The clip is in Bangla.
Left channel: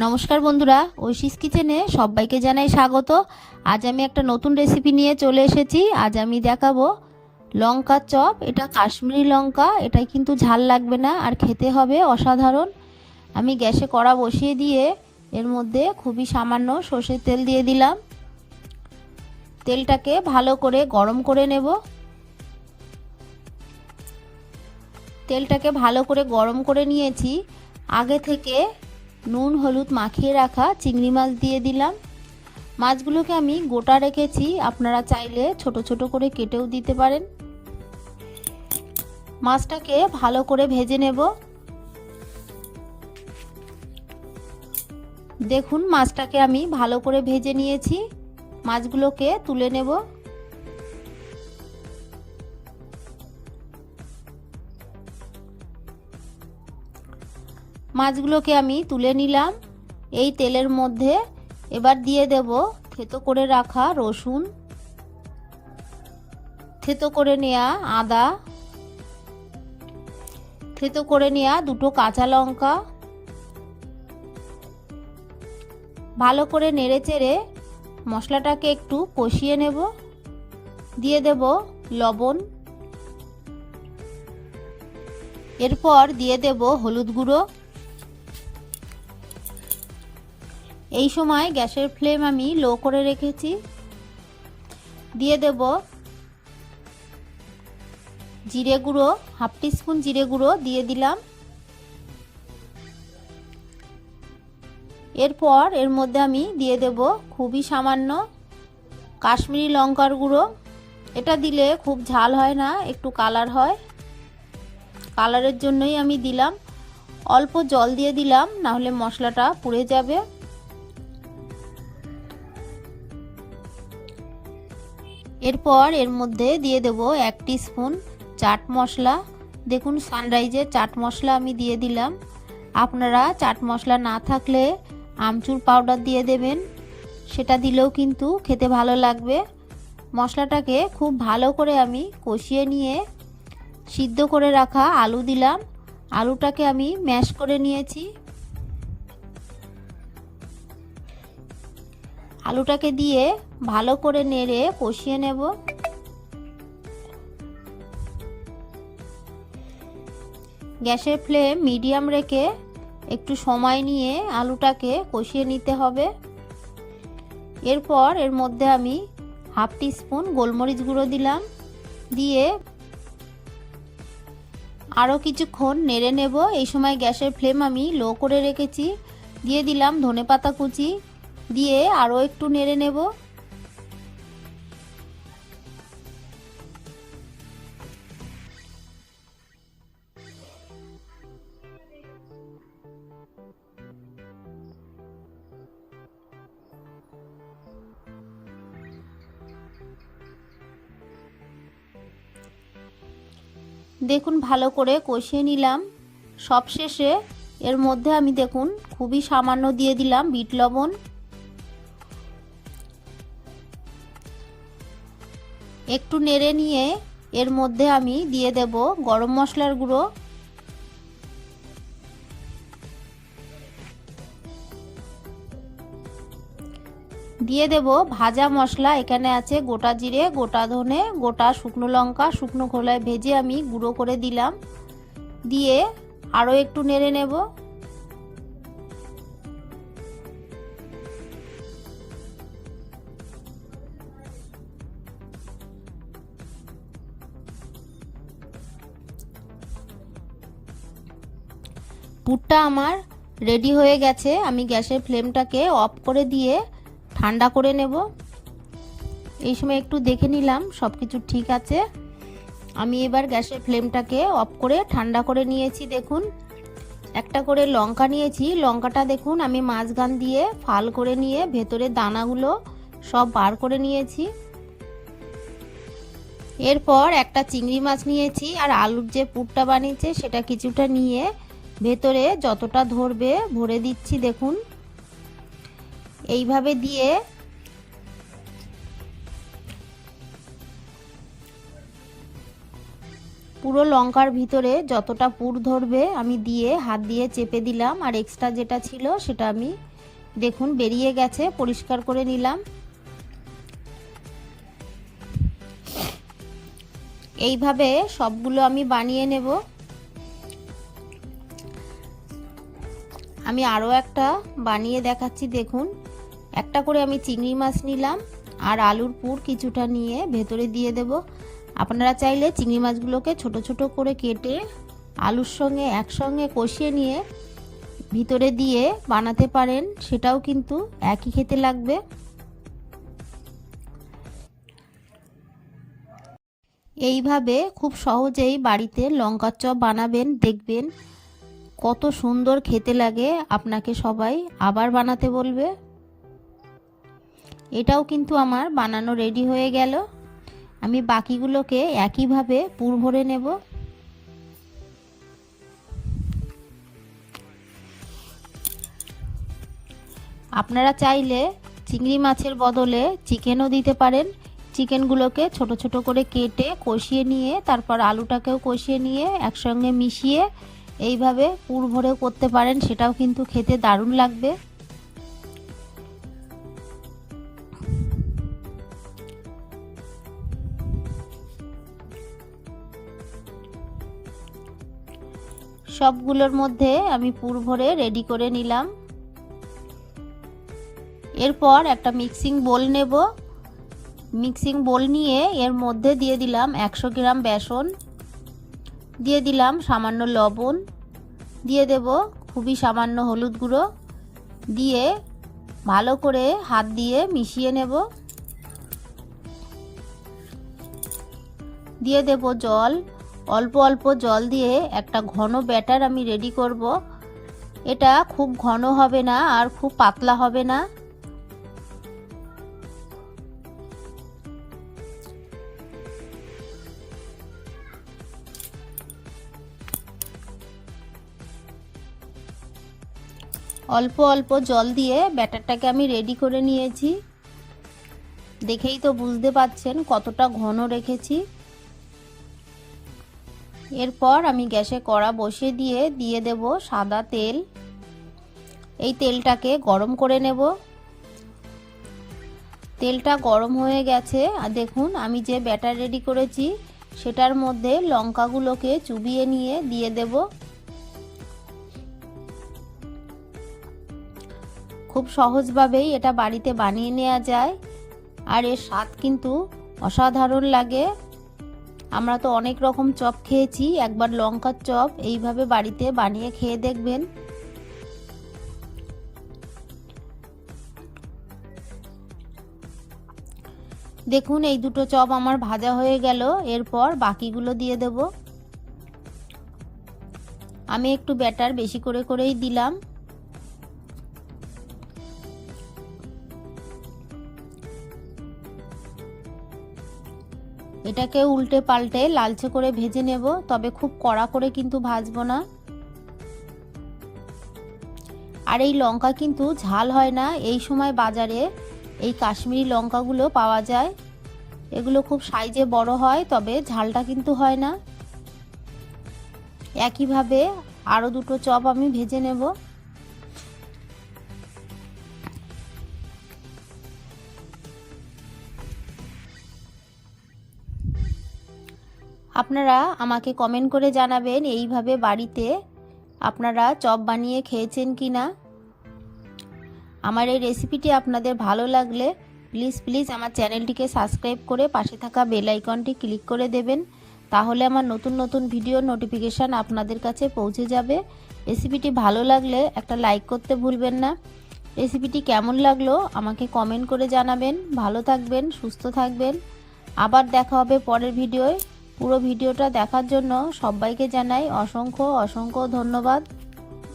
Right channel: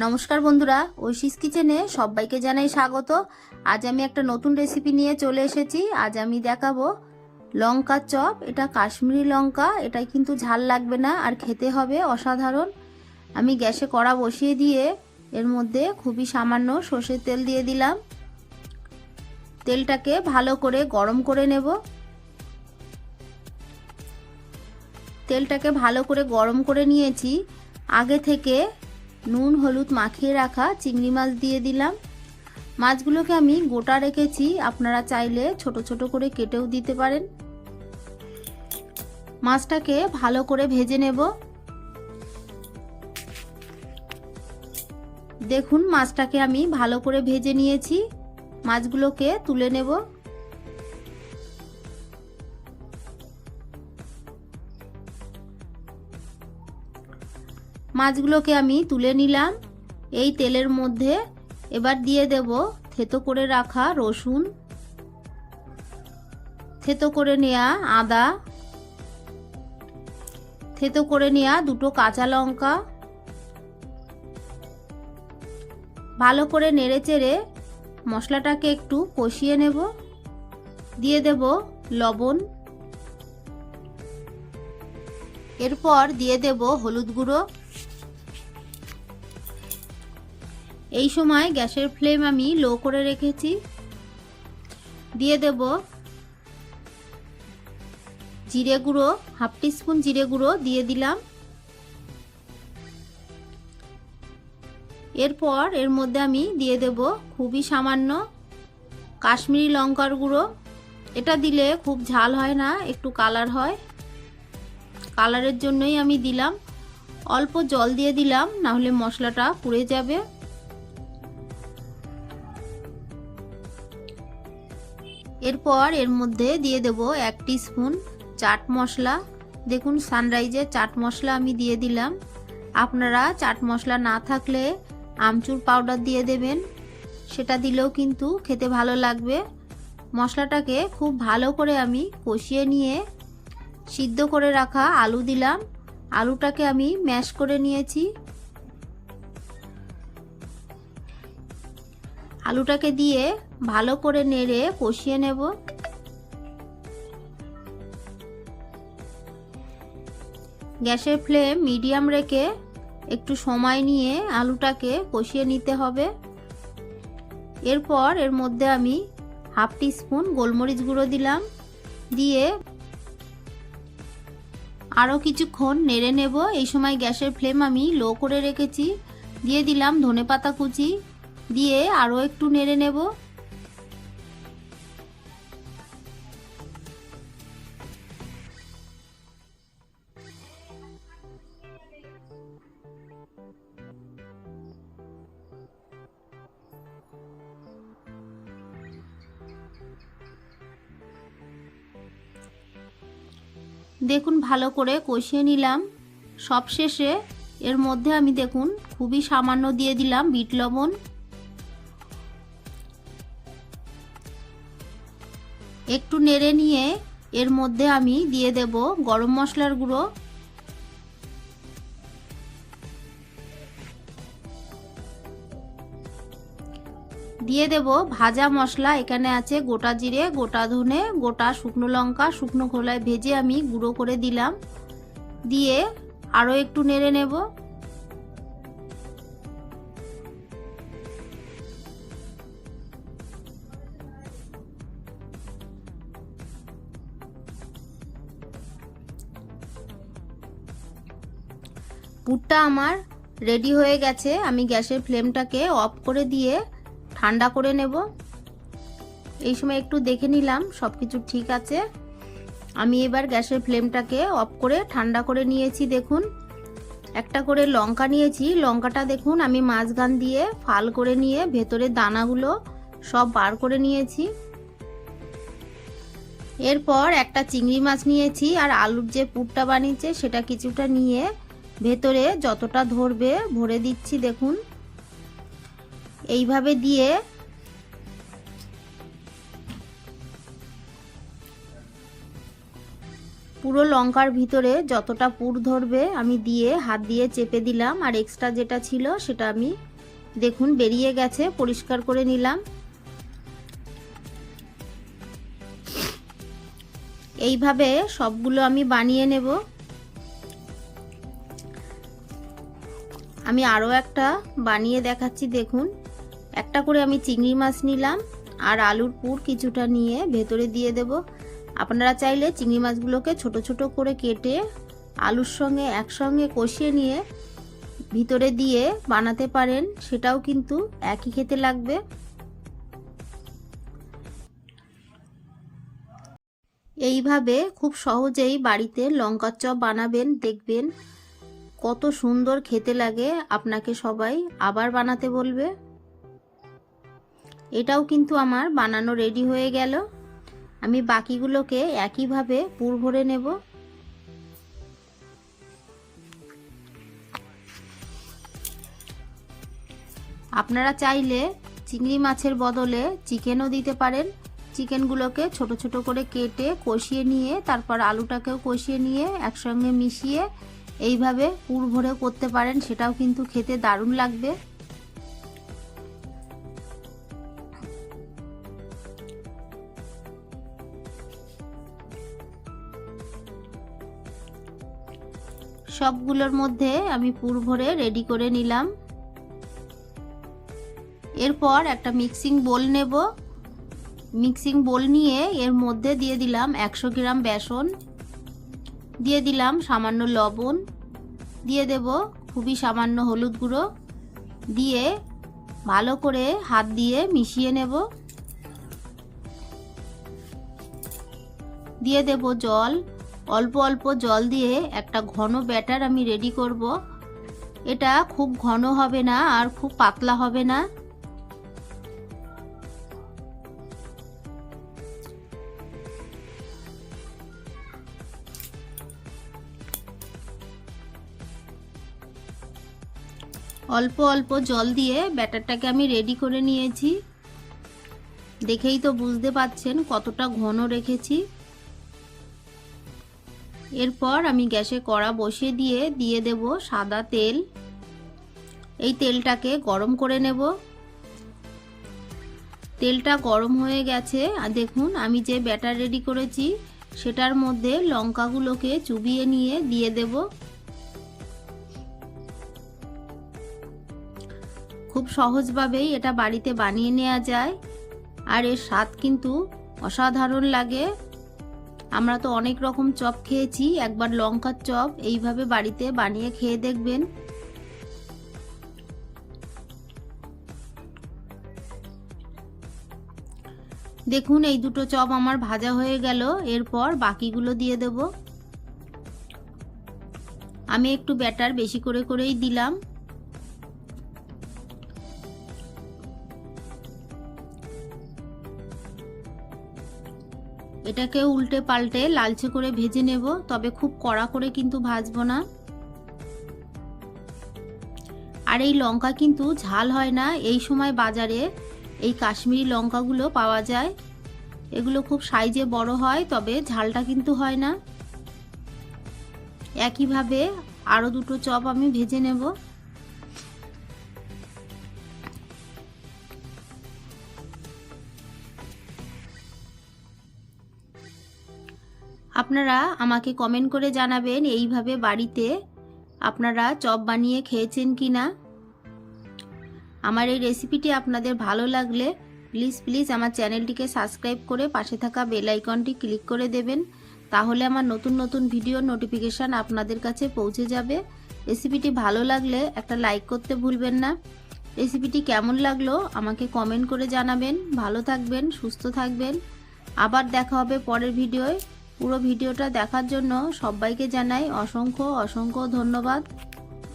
নমস্কার বন্ধুরা, ঐশীস কিচেনে সবাইকে জানাই স্বাগত। আজ আমি একটা নতুন রেসিপি নিয়ে চলে এসেছি। আজ আমি দেখাবো লঙ্কার চপ। এটা কাশ্মীরি লঙ্কা, এটা কিন্তু ঝাল লাগবে না আর খেতে হবে অসাধারণ। আমি গ্যাসে কড়া বসিয়ে দিয়ে এর মধ্যে খুবই সামান্য সর্ষের তেল দিয়ে দিলাম। তেলটাকে ভালো করে গরম করে নেব। তেলটাকে ভালো করে গরম করে নিয়েছি। আগে থেকে নুন হলুদ মাখিয়ে রাখা চিংড়ি মাছ দিয়ে দিলাম। মাছগুলোকে আমি গোটা রেখেছি, আপনারা চাইলে ছোট ছোট করে কেটেও দিতে পারেন। মাছটাকে ভালো করে ভেজে নেব। দেখুন মাছটাকে আমি ভালো করে ভেজে নিয়েছি। মাছগুলোকে তুলে নেব। মাছগুলোকে আমি তুলে নিলাম। এই তেলের মধ্যে এবার দিয়ে দেব থেতো করে রাখা রসুন, থেতো করে নেওয়া আদা, থেতো করে নেওয়া দুটো কাঁচা লঙ্কা। ভালো করে নেড়েচেড়ে মশলাটাকে একটু কষিয়ে নেব। দিয়ে দেব লবণ, এরপর দিয়ে দেব হলুদ গুঁড়ো। এই সময় গ্যাসের ফ্লেম আমি লো করে রেখেছি। দিয়ে দেব জিরে গুঁড়ো, হাফ টিস্পুন জিরে গুঁড়ো দিয়ে দিলাম। এরপর এর মধ্যে আমি দিয়ে দেব খুবই সামান্য কাশ্মীরি লঙ্কার গুঁড়ো। এটা দিলে খুব ঝাল হয় না, একটু কালার হয়, কালারের জন্যই আমি দিলাম। অল্প জল দিয়ে দিলাম, না হলে মশলাটা পুড়ে যাবে। এরপর এর মধ্যে দিয়ে দেব 1 টিস্পুন চাট মশলা। দেখুন সানরাইজের চাট মশলা আমি দিয়ে দিলাম। আপনারা চাট মশলা না থাকলে আমচুর পাউডার দিয়ে দেবেন, সেটা দিলেও কিন্তু খেতে ভালো লাগবে। মশলাটাকে খুব ভালো করে আমি কষিয়ে নিয়ে সিদ্ধ করে রাখা আলু দিলাম। আলুটাকে আমি ম্যাশ করে নিয়েছি। আলুটাকে দিয়ে ভালো করে নেড়ে কষিয়ে নেব। গ্যাসের ফ্লেম মিডিয়াম রেখে একটু সময় নিয়ে আলুটাকে কষিয়ে নিতে হবে। এরপর এর মধ্যে আমি হাফ টিস্পুন গোলমরিচ গুঁড়ো দিলাম। দিয়ে আরও কিছুক্ষণ নেড়ে নেব। এই সময় গ্যাসের ফ্লেম আমি লো করে রেখেছি। দিয়ে দিলাম ধনেপাতা কুচি, দিয়ে আরও একটু নেড়ে নেব। দেখুন ভালো করে কষিয়ে নিলাম। সবশেষে এর মধ্যে আমি দেখুন খুবই সামান্য দিয়ে দিলাম বিট লবণ। একটু নেড়ে নিয়ে এর মধ্যে আমি দিয়ে দেব গরম মশলার গুঁড়ো। দিয়ে দেব ভাজা মশলা। এখানে আছে গোটা জিরে, গোটা ধনে, গোটা শুকনো লঙ্কা, শুকনো খোলায় ভেজে আমি গুঁড়ো করে দিলাম। দিয়ে আরও একটু নেড়ে নেব। পুরটা আমার রেডি হয়ে গেছে। আমি গ্যাসের ফ্লেমটাকে অফ করে দিয়ে ঠান্ডা করে নেব। এই সময় একটু দেখে নিলাম সব কিছু ঠিক আছে। আমি এবার গ্যাসের ফ্লেমটাকে অফ করে ঠান্ডা করে নিয়েছি। দেখুন একটা করে লঙ্কা নিয়েছি। লঙ্কাটা দেখুন আমি মাঝখান দিয়ে ফাল করে নিয়ে ভেতরে দানাগুলো সব বার করে নিয়েছি। এরপর একটা চিংড়ি মাছ নিয়েছি আর আলুর যে পুরটা বানিয়েছে সেটা কিছুটা নিয়ে ভেতরে যতটা ধরবে ভরে দিচ্ছি। দেখুন এইভাবে দিয়ে পুরো লঙ্কার ভিতরে যতটা পুর ধরবে আমি দিয়ে হাত দিয়ে চেপে দিলাম, আর এক্সট্রা যেটা ছিল সেটা আমি দেখুন বেরিয়ে গেছে, পরিষ্কার করে নিলাম। এইভাবে সবগুলো আমি বানিয়ে নেব। আমি আরও একটা বানিয়ে দেখাচ্ছি। দেখুন, একটা করে আমি চিংড়ি মাছ নিলাম আর আলুর পুর কিছুটা নিয়ে ভেতরে দিয়ে দেব। আপনারা চাইলে চিংড়ি মাছগুলোকে ছোট ছোট করে কেটে আলুর সঙ্গে একসঙ্গে কষিয়ে নিয়ে ভিতরে দিয়ে বানাতে পারেন, সেটাও কিন্তু একই খেতে লাগবে। এইভাবে খুব সহজেই বাড়িতে লঙ্কার চপ বানাবেন, দেখবেন কত সুন্দর খেতে লাগে। আপনাকে সবাই আবার বানাতে বলবে। এটাও কিন্তু আমার বানানো রেডি হয়ে গেল। আমি বাকিগুলোকে একইভাবে পুর ভরে নেব। আপনারা চাইলে চিংড়ি মাছের বদলে চিকেনও দিতে পারেন। চিকেনগুলোকে ছোট ছোট করে কেটে কষিয়ে নিয়ে তারপর আলুটাকেও কষিয়ে নিয়ে একসঙ্গে মিশিয়ে এইভাবে পুর ভরেও করতে পারেন, সেটাও কিন্তু খেতে দারুণ লাগবে। সবগুলোর মধ্যে আমি পুর ভরে রেডি করে নিলাম। এরপর একটা মিক্সিং বোল নেব। মিক্সিং বোল নিয়ে এর মধ্যে দিয়ে দিলাম 100 গ্রাম বেসন, দিয়ে দিলাম সামান্য লবণ, দিয়ে দেব খুবই সামান্য হলুদ গুঁড়ো, দিয়ে ভালো করে হাত দিয়ে মিশিয়ে নেব। দিয়ে দেব জল, অল্প অল্প জল দিয়ে একটা ঘন ব্যাটার আমি রেডি করব। এটা খুব ঘন হবে না আর খুব পাতলা হবে না। অল্প অল্প জল দিয়ে ব্যাটারটাকে আমি রেডি করে নিয়েছি। দেখেই তো বুঝতে পাচ্ছেন কতটা ঘন রেখেছি। এরপর আমি গ্যাসে কড়া বসিয়ে দিয়ে দেব সাদা তেল। এই তেলটাকে গরম করে নেব। তেলটা গরম হয়ে গেছে আর দেখুন আমি যে ব্যাটার রেডি করেছি সেটার মধ্যে লঙ্কাগুলোকে চুবিয়ে নিয়ে দিয়ে দেব। খুব সহজভাবেই এটা বাড়িতে বানিয়ে নেওয়া যায় আর এর স্বাদ কিন্তু অসাধারণ লাগে। আমরা তো অনেক রকম চপ খেয়েছি, একবার লঙ্কার চপ এইভাবে বাড়িতে বানিয়ে খেয়ে দেখবেন। দেখুন এই দুটো চপ আমার ভাজা হয়ে গেল। এরপর বাকিগুলো দিয়ে দেব। আমি একটু ব্যাটার বেশি করেই দিলাম। এটাকে উল্টে পাল্টে লালচে করে ভেজে নেব, তবে খুব কড়া করে কিন্তু ভাজবো না। আর এই লঙ্কা কিন্তু ঝাল হয় না। এই সময় বাজারে এই কাশ্মীরি লঙ্কাগুলো পাওয়া যায়, এগুলো খুব সাইজে বড় হয়, তবে ঝালটা কিন্তু হয় না। একইভাবে আরো দুটো চপ আমি ভেজে নেব। আপনারা আমাকে কমেন্ট করে জানাবেন এইভাবে বাড়িতে আপনারা চপ বানিয়ে খেয়েছেন কিনা। আমার এই রেসিপিটি আপনাদের ভালো লাগলে প্লিজ আমার চ্যানেলটিকে সাবস্ক্রাইব করে পাশে থাকা বেল আইকনটি ক্লিক করে দেবেন, তাহলে আমার নতুন ভিডিও নোটিফিকেশান আপনাদের কাছে পৌঁছে যাবে। রেসিপিটি ভালো লাগলে একটা লাইক করতে ভুলবেন না। রেসিপিটি কেমন লাগলো আমাকে কমেন্ট করে জানাবেন। ভালো থাকবেন, সুস্থ থাকবেন। আবার দেখা হবে পরের ভিডিওয়। পুরো ভিডিওটা দেখার জন্য সবাইকে জানাই অসংখ্য ধন্যবাদ।